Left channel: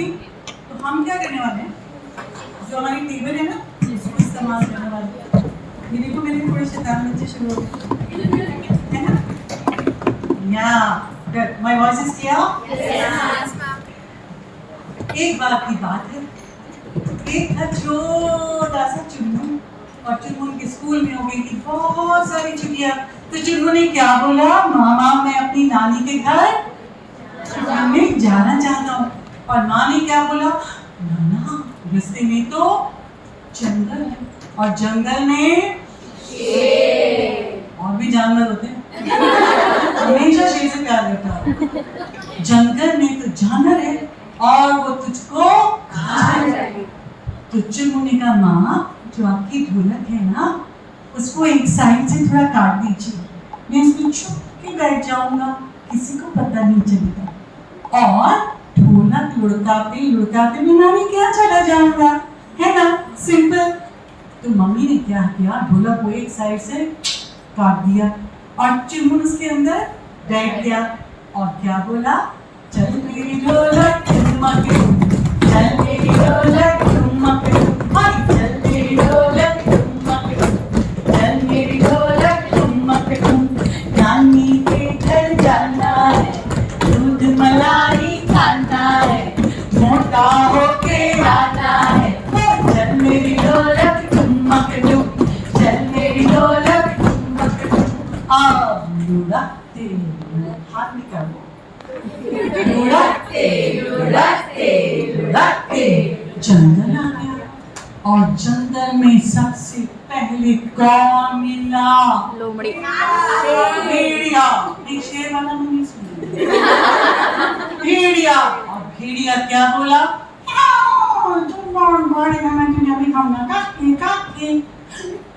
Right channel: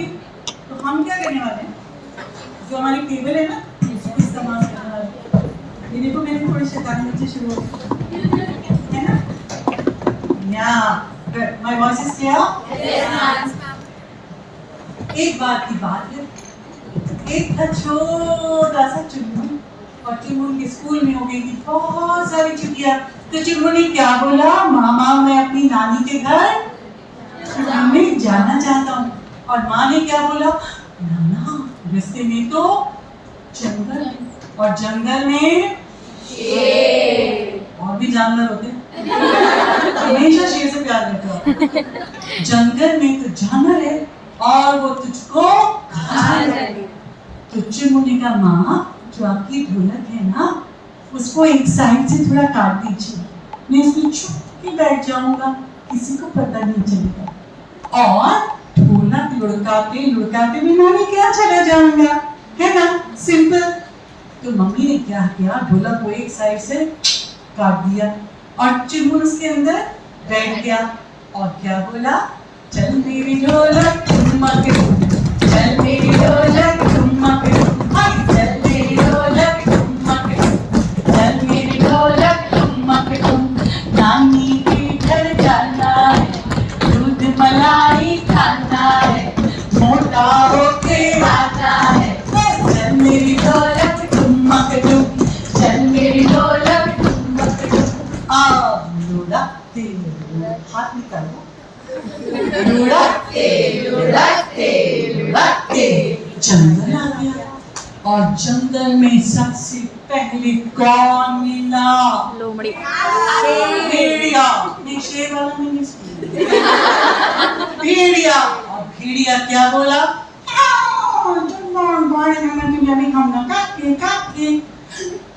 थी। तो हम क्या करने वाले हैं, जो हमारी टेबल है ना, इसको इस्तेमाल करने वाले हैं। ये देखो मेरे थोड़े शैतान बच्चे शुरू हो गए, है ना? या good, my voice is clear? एक बार की बात है, एक था छोटा सा चुनमुन, और चुनमुन के स्कूल में हो गई थी बहुत सारी छुट्टियां। तो चुनमुन ने क्या बोला, मामा मैं अपनी नानी के घर छुट्टियों में जाना चाहता हूँ। और माँ ने क्या बोला, नाना रास्ते में तो जंगल है, और जंगल में और भी जानवर होते हैं, हमेशा शेर से प्यार करता हूँ। जंगल में तो जानवर है और वो तुझको खा जाएंगे। तो चुनमुनी का माँ, जो आपकी ढोलक है ना, उसको एक साइड से थोड़ा काट दीजिए, मैं इसमें चुप के बैठ जाऊंगा, किसी को पता नहीं चलेगा। और ढोलक लुढ़काते लुढ़काते मैं नानी के यहाँ चला जाऊंगा, है ना? सिंपल। तो मम्मी ने क्या किया, ढोलक को एक साइड से काट दिया और चुनमुन उसके अंदर बैठ गया और क्या बोला, चल मेरी ढोलक ठुमक ठुम, चल मेरी ढोलक ठुमक ठुम, हाय चल मेरी ढोलक ठुमक ठुम, चल मेरी ढोलक ठुमक ठुम। नानी के घर जाना है, दूध मलाई खाना है, मोटा होके आना है, चल मेरी ढोलक ठुमक ठुम, चल मेरी ढोलक ठुमक ठुम। लुढ़कते हाथ निकालो, लुढ़कते लुढ़कते लुढ़कते जंगल आ गया। और जंगल में सबसे पहले कौन मिला, लोमड़ी। भेड़िया। नहीं, शेर वाला मैंने सुना, भेड़िया। और भेड़िया क्या बोला, मैं तुझे अभी खाऊंगा, काके काके।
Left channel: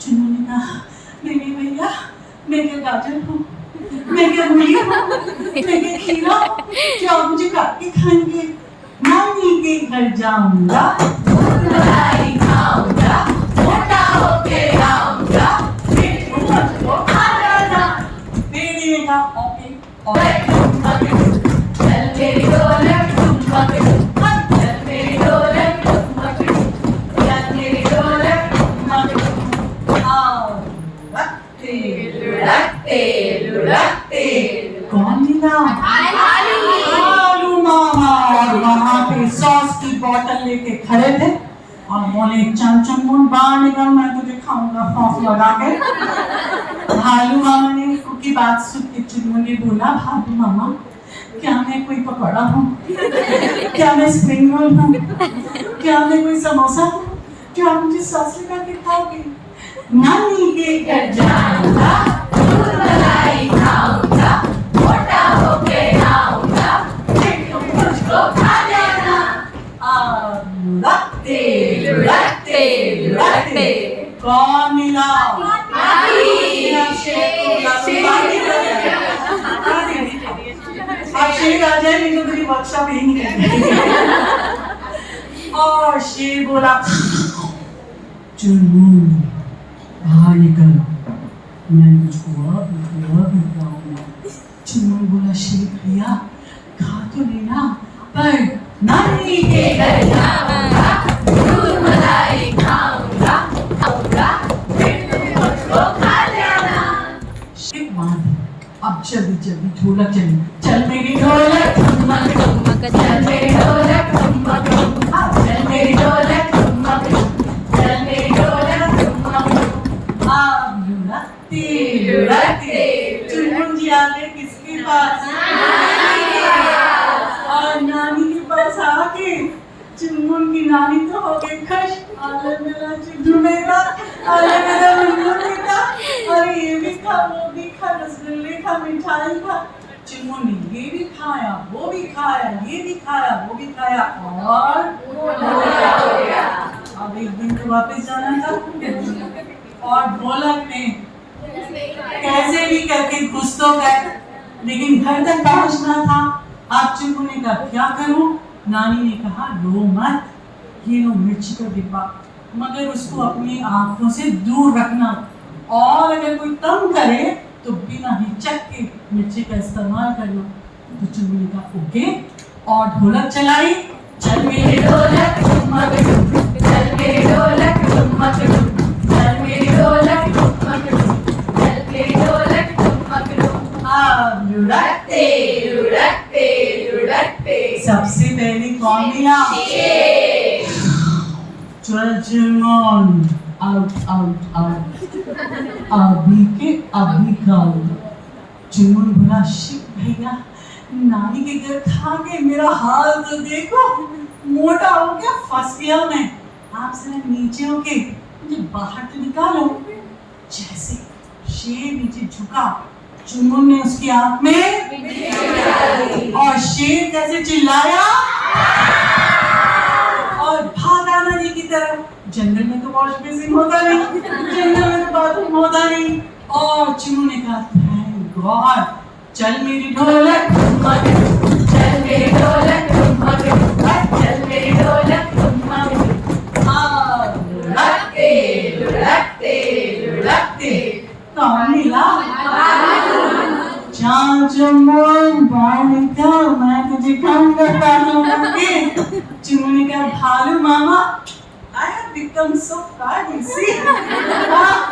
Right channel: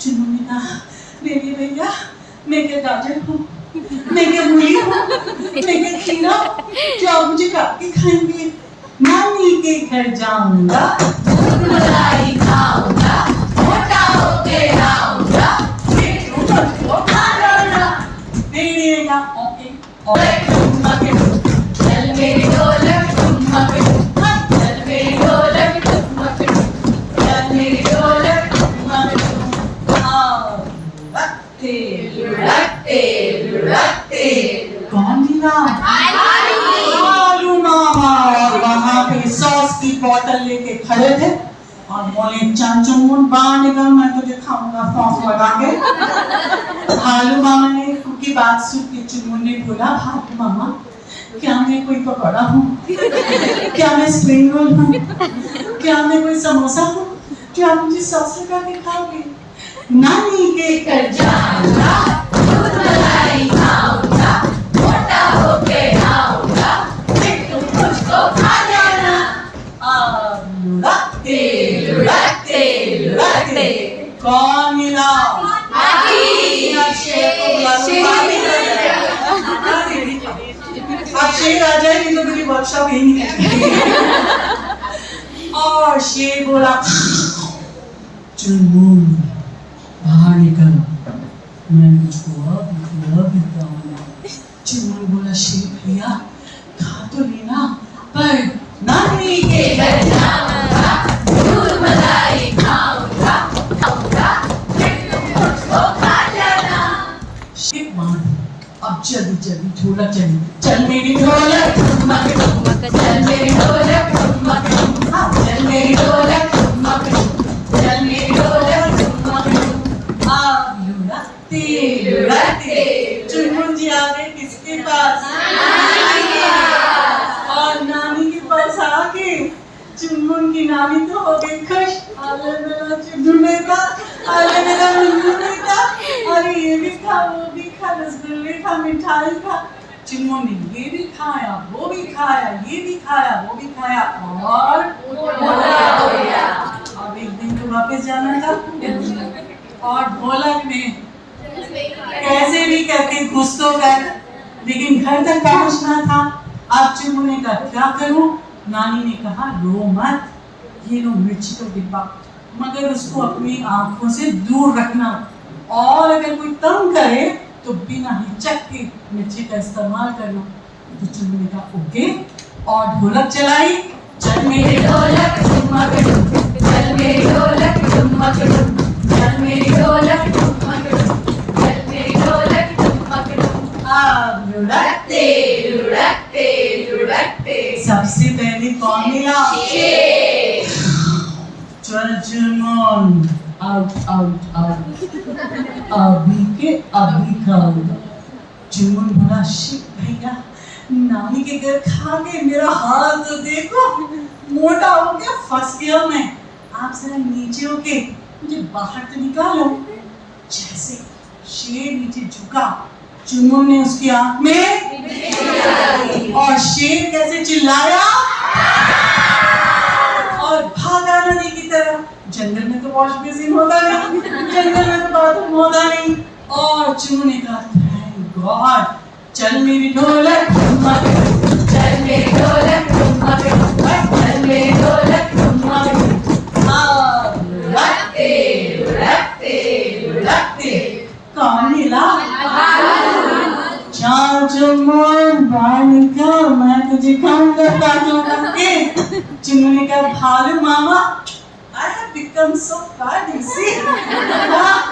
चुन्नू ने कहा, मेरे भैया मैं क्या गाजर हूँ, मैं क्या मूली हूँ, मैं क्या खीरा, क्या आप मुझे काट के खाएंगे? नानी के घर जाऊंगा, दूध मलाई खाऊंगा, मोटा होके आऊंगा, फिर तुम मुझको खा जाना। भेड़िए का ओके, और चल मेरी ढोलक ठुमक ठुम, चल मेरी ढोलक ठुमक ठुम, चल मेरी ढोलक ठुमक ठुम। लुढ़कते लुढ़कते लुढ़कते कौन मिला, आलू मामा। और वहाँ पे सॉस की बोतल लेके खड़े थे और बोले, चल चुनमुन बाहर निकल, मैं तुझे खाऊंगा सॉस लगा के। भालू मामा ने उनकी बात सुन के चुनमुन ने बोला, भालू मामा क्या मैं कोई पकौड़ा हूँ, क्या मैं स्प्रिंग रोल हूँ, क्या मैं कोई समोसा हूँ जो आप मुझे सॉस लगा के खाओगे? नानी के घर जाऊंगा, दूध मलाई खाऊंगा, मोटा होके आऊंगा, फिर तुम मुझको खा जाना। लुढ़कते लुढ़कते लुढ़कते कौन मिला, अब शेर आ जाएगी तो तेरी वर्कशॉप ही नहीं है। और शेर बोला, चुनमुन बाहर निकल, मैं तुझको अब खाऊंगा। चुनमुन बोला, शेर भैया खा तो लेना, पर नानी के घर जाऊंगा, दूध मलाई खाऊंगा, फिर तुम मुझको खा जाना। शेर मान, अब जल्दी जल्दी ढोलक चली, चल मेरी ढोलक ठुमक ठुमक, चल मेरी ढोलक ठुमक ठुम, चल मेरी ढोलक ठुमक ठुम, चल मेरी ढोलक ठुमक ठुम। अब लुढ़कते लुढ़कते चुनमुन जी आ गए किसके पास, नानी के पास। और नानी के पास आके चुनमुन की नानी तो हो गई खुश, अरे मेरा चुन्नू बेटा, अरे मेरा मुन्नू बेटा, अरे ये भी खा, वो भी खा, रसगुल्ले खा, मिठाई खा। चुन्नू ने ये भी खाया, वो भी खाया, ये भी खाया, वो भी खाया, और हो गया। अब एक दिन तो वापस जाना था, और ढोलक ने कैसे भी करके घुस तो गए, लेकिन घर तक पहुंचना था। अब चुन्नू ने कहा, क्या करूं? नानी ने कहा, रो मत, ये लो मिर्ची का डिब्बा, मगर उसको अपनी आंखों से दूर रखना, और अगर कोई तंग करे तो बिना हिचक के मिर्ची का इस्तेमाल कर लो। तो चुन्नू ने कहा ओके, और ढोलक चलाई, चल मेरे ढोलक ठुमक ठुम, चल मेरे ढोलक ठुमक ठुम, चल मेरी ढोलक ठुमक ठुम, चल मेरी ढोलक ठुमक ठुम। अब लुढ़कते लुढ़कते लुढ़कते सबसे पहले कौन मिला? चुनमुन आउट आउट आउट, अभी के अभी खाओ। चुनमुन बोला शिट भैया, नानी के घर खा के मेरा हाल तो देखो, मोटा हो गया, फंस गया मैं। आप जरा नीचे होके मुझे बाहर तो निकालो। जैसे शेर नीचे झुका, चुनमुन ने उसकी आंख में और शेर कैसे चिल्लाया और भागा नदी की तरफ। जंगल में तो वॉश बेसिन होता नहीं, जंगल में तो बाथरूम होता नहीं। और चुनमुन ने कहा थैंक गॉड, चल मेरी ढोलक ठुमक ठुम, चल मेरी ढोलक ठुमक ठुम, चल मेरी ढोलक ठुमक ठुम। लुढ़कते लुढ़कते लुढ़कते कौन मिला? चल चुनमुन बाहर निकल, मैं तुझे काम करता हूँ। चुनमुन ने कहा भालू मामा, I have become so fat, you see?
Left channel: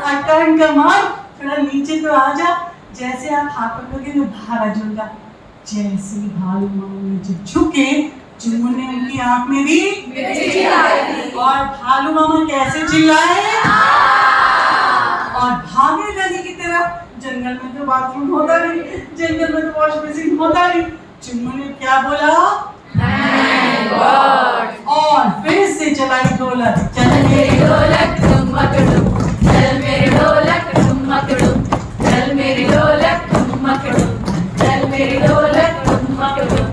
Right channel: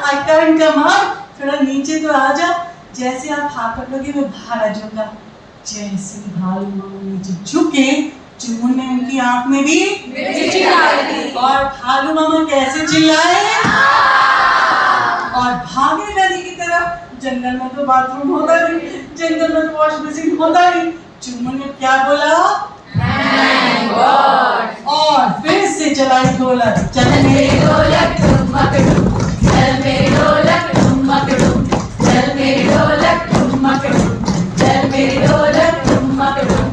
I can't come out. थोड़ा नीचे तो आ जा। जैसे आप हाथ पकड़ोगे मैं बाहर आ जाऊंगा। जैसे ही भालू मामा नीचे झुके, चुनमुन ने उनकी आंख में भी मिर्ची डाली और भालू मामा कैसे चिल्लाए और भागे नदी की तरफ। जंगल में तो बाथरूम होता नहीं, जंगल में तो वॉश बेसिन होता नहीं। चुनमुन ने क्या बोला? Thank God. और फिर से चलाई ढोलक, चल मेरी ढोलक ठुमक ठुम, चल मेरी ढोलक ठुमक ठुम, चल मेरी ढोलक ठुमक ठुम, चल मेरी ढोलक ठुमक ठुम।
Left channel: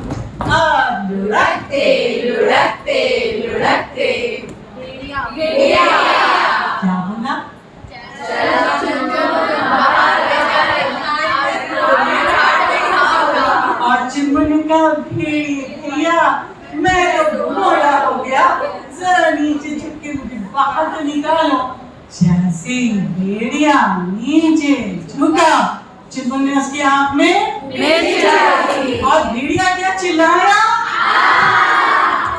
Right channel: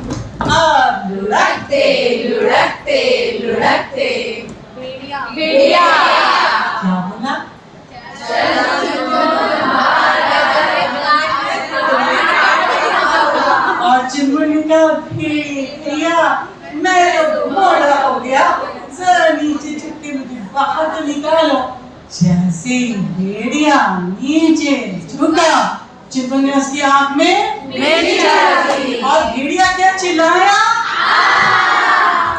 अब लुढ़कते लुढ़कते लुढ़कते भेड़िया क्या बोला? और चुनमुन ने कहा भेड़िया, मैं तो मोटा हो गया, जरा नीचे झुक के मुझे बाहर तो निकालो। जैसे भेड़िया नीचे झुका, चुनमुन ने उसकी आंख में मिर्च डाली और भेड़िया क्या चिल्लाया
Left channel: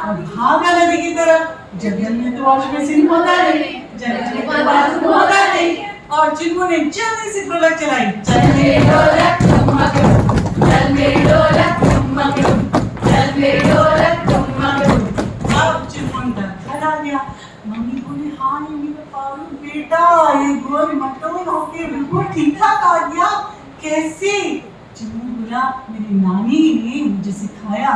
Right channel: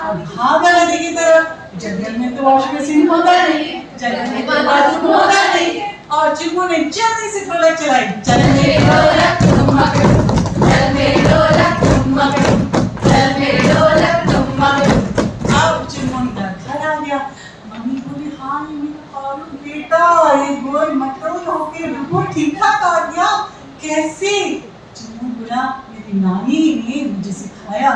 और भागा नदी की तरफ। जंगल में तो वॉश बेसिन होता नहीं, जंगल में तो बाथरूम होता नहीं। और चुनमुन ने जल्दी से ढोलक चलाई, चल मेरी ढोलक ठुमक ठुम, चल मेरी ढोलक ठुमक ठुम, चल मेरी ढोलक ठुमक ठुम। अब चुनमुन का घर आ गया। मम्मी बोली हाँ ये मेरा पारू बेटा, ये गोल मटोल होके बिल्कुल ठीक ठाक आ गया, कैसे? चुनमुन बोला मेरी नानी ने मुझे सिखाया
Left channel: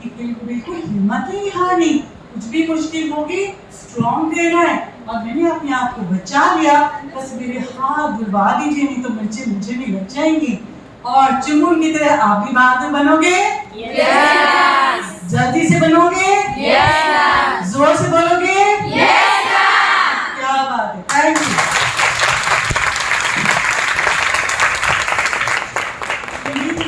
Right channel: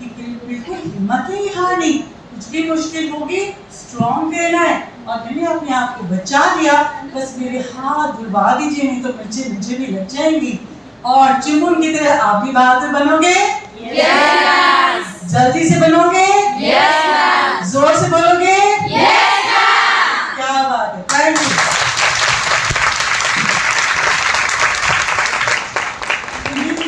कि बिल्कुल हिम्मत नहीं हारनी, कुछ भी मुश्किल होगी स्ट्रॉन्ग रहना है। और मैंने अपने आप को बचा लिया, बस मेरे हाथ धुलवा दीजिए, नहीं तो मिर्चें मुझे भी लग जाएंगी। और चुनमुन की तरह आप भी बहादुर बनोगे।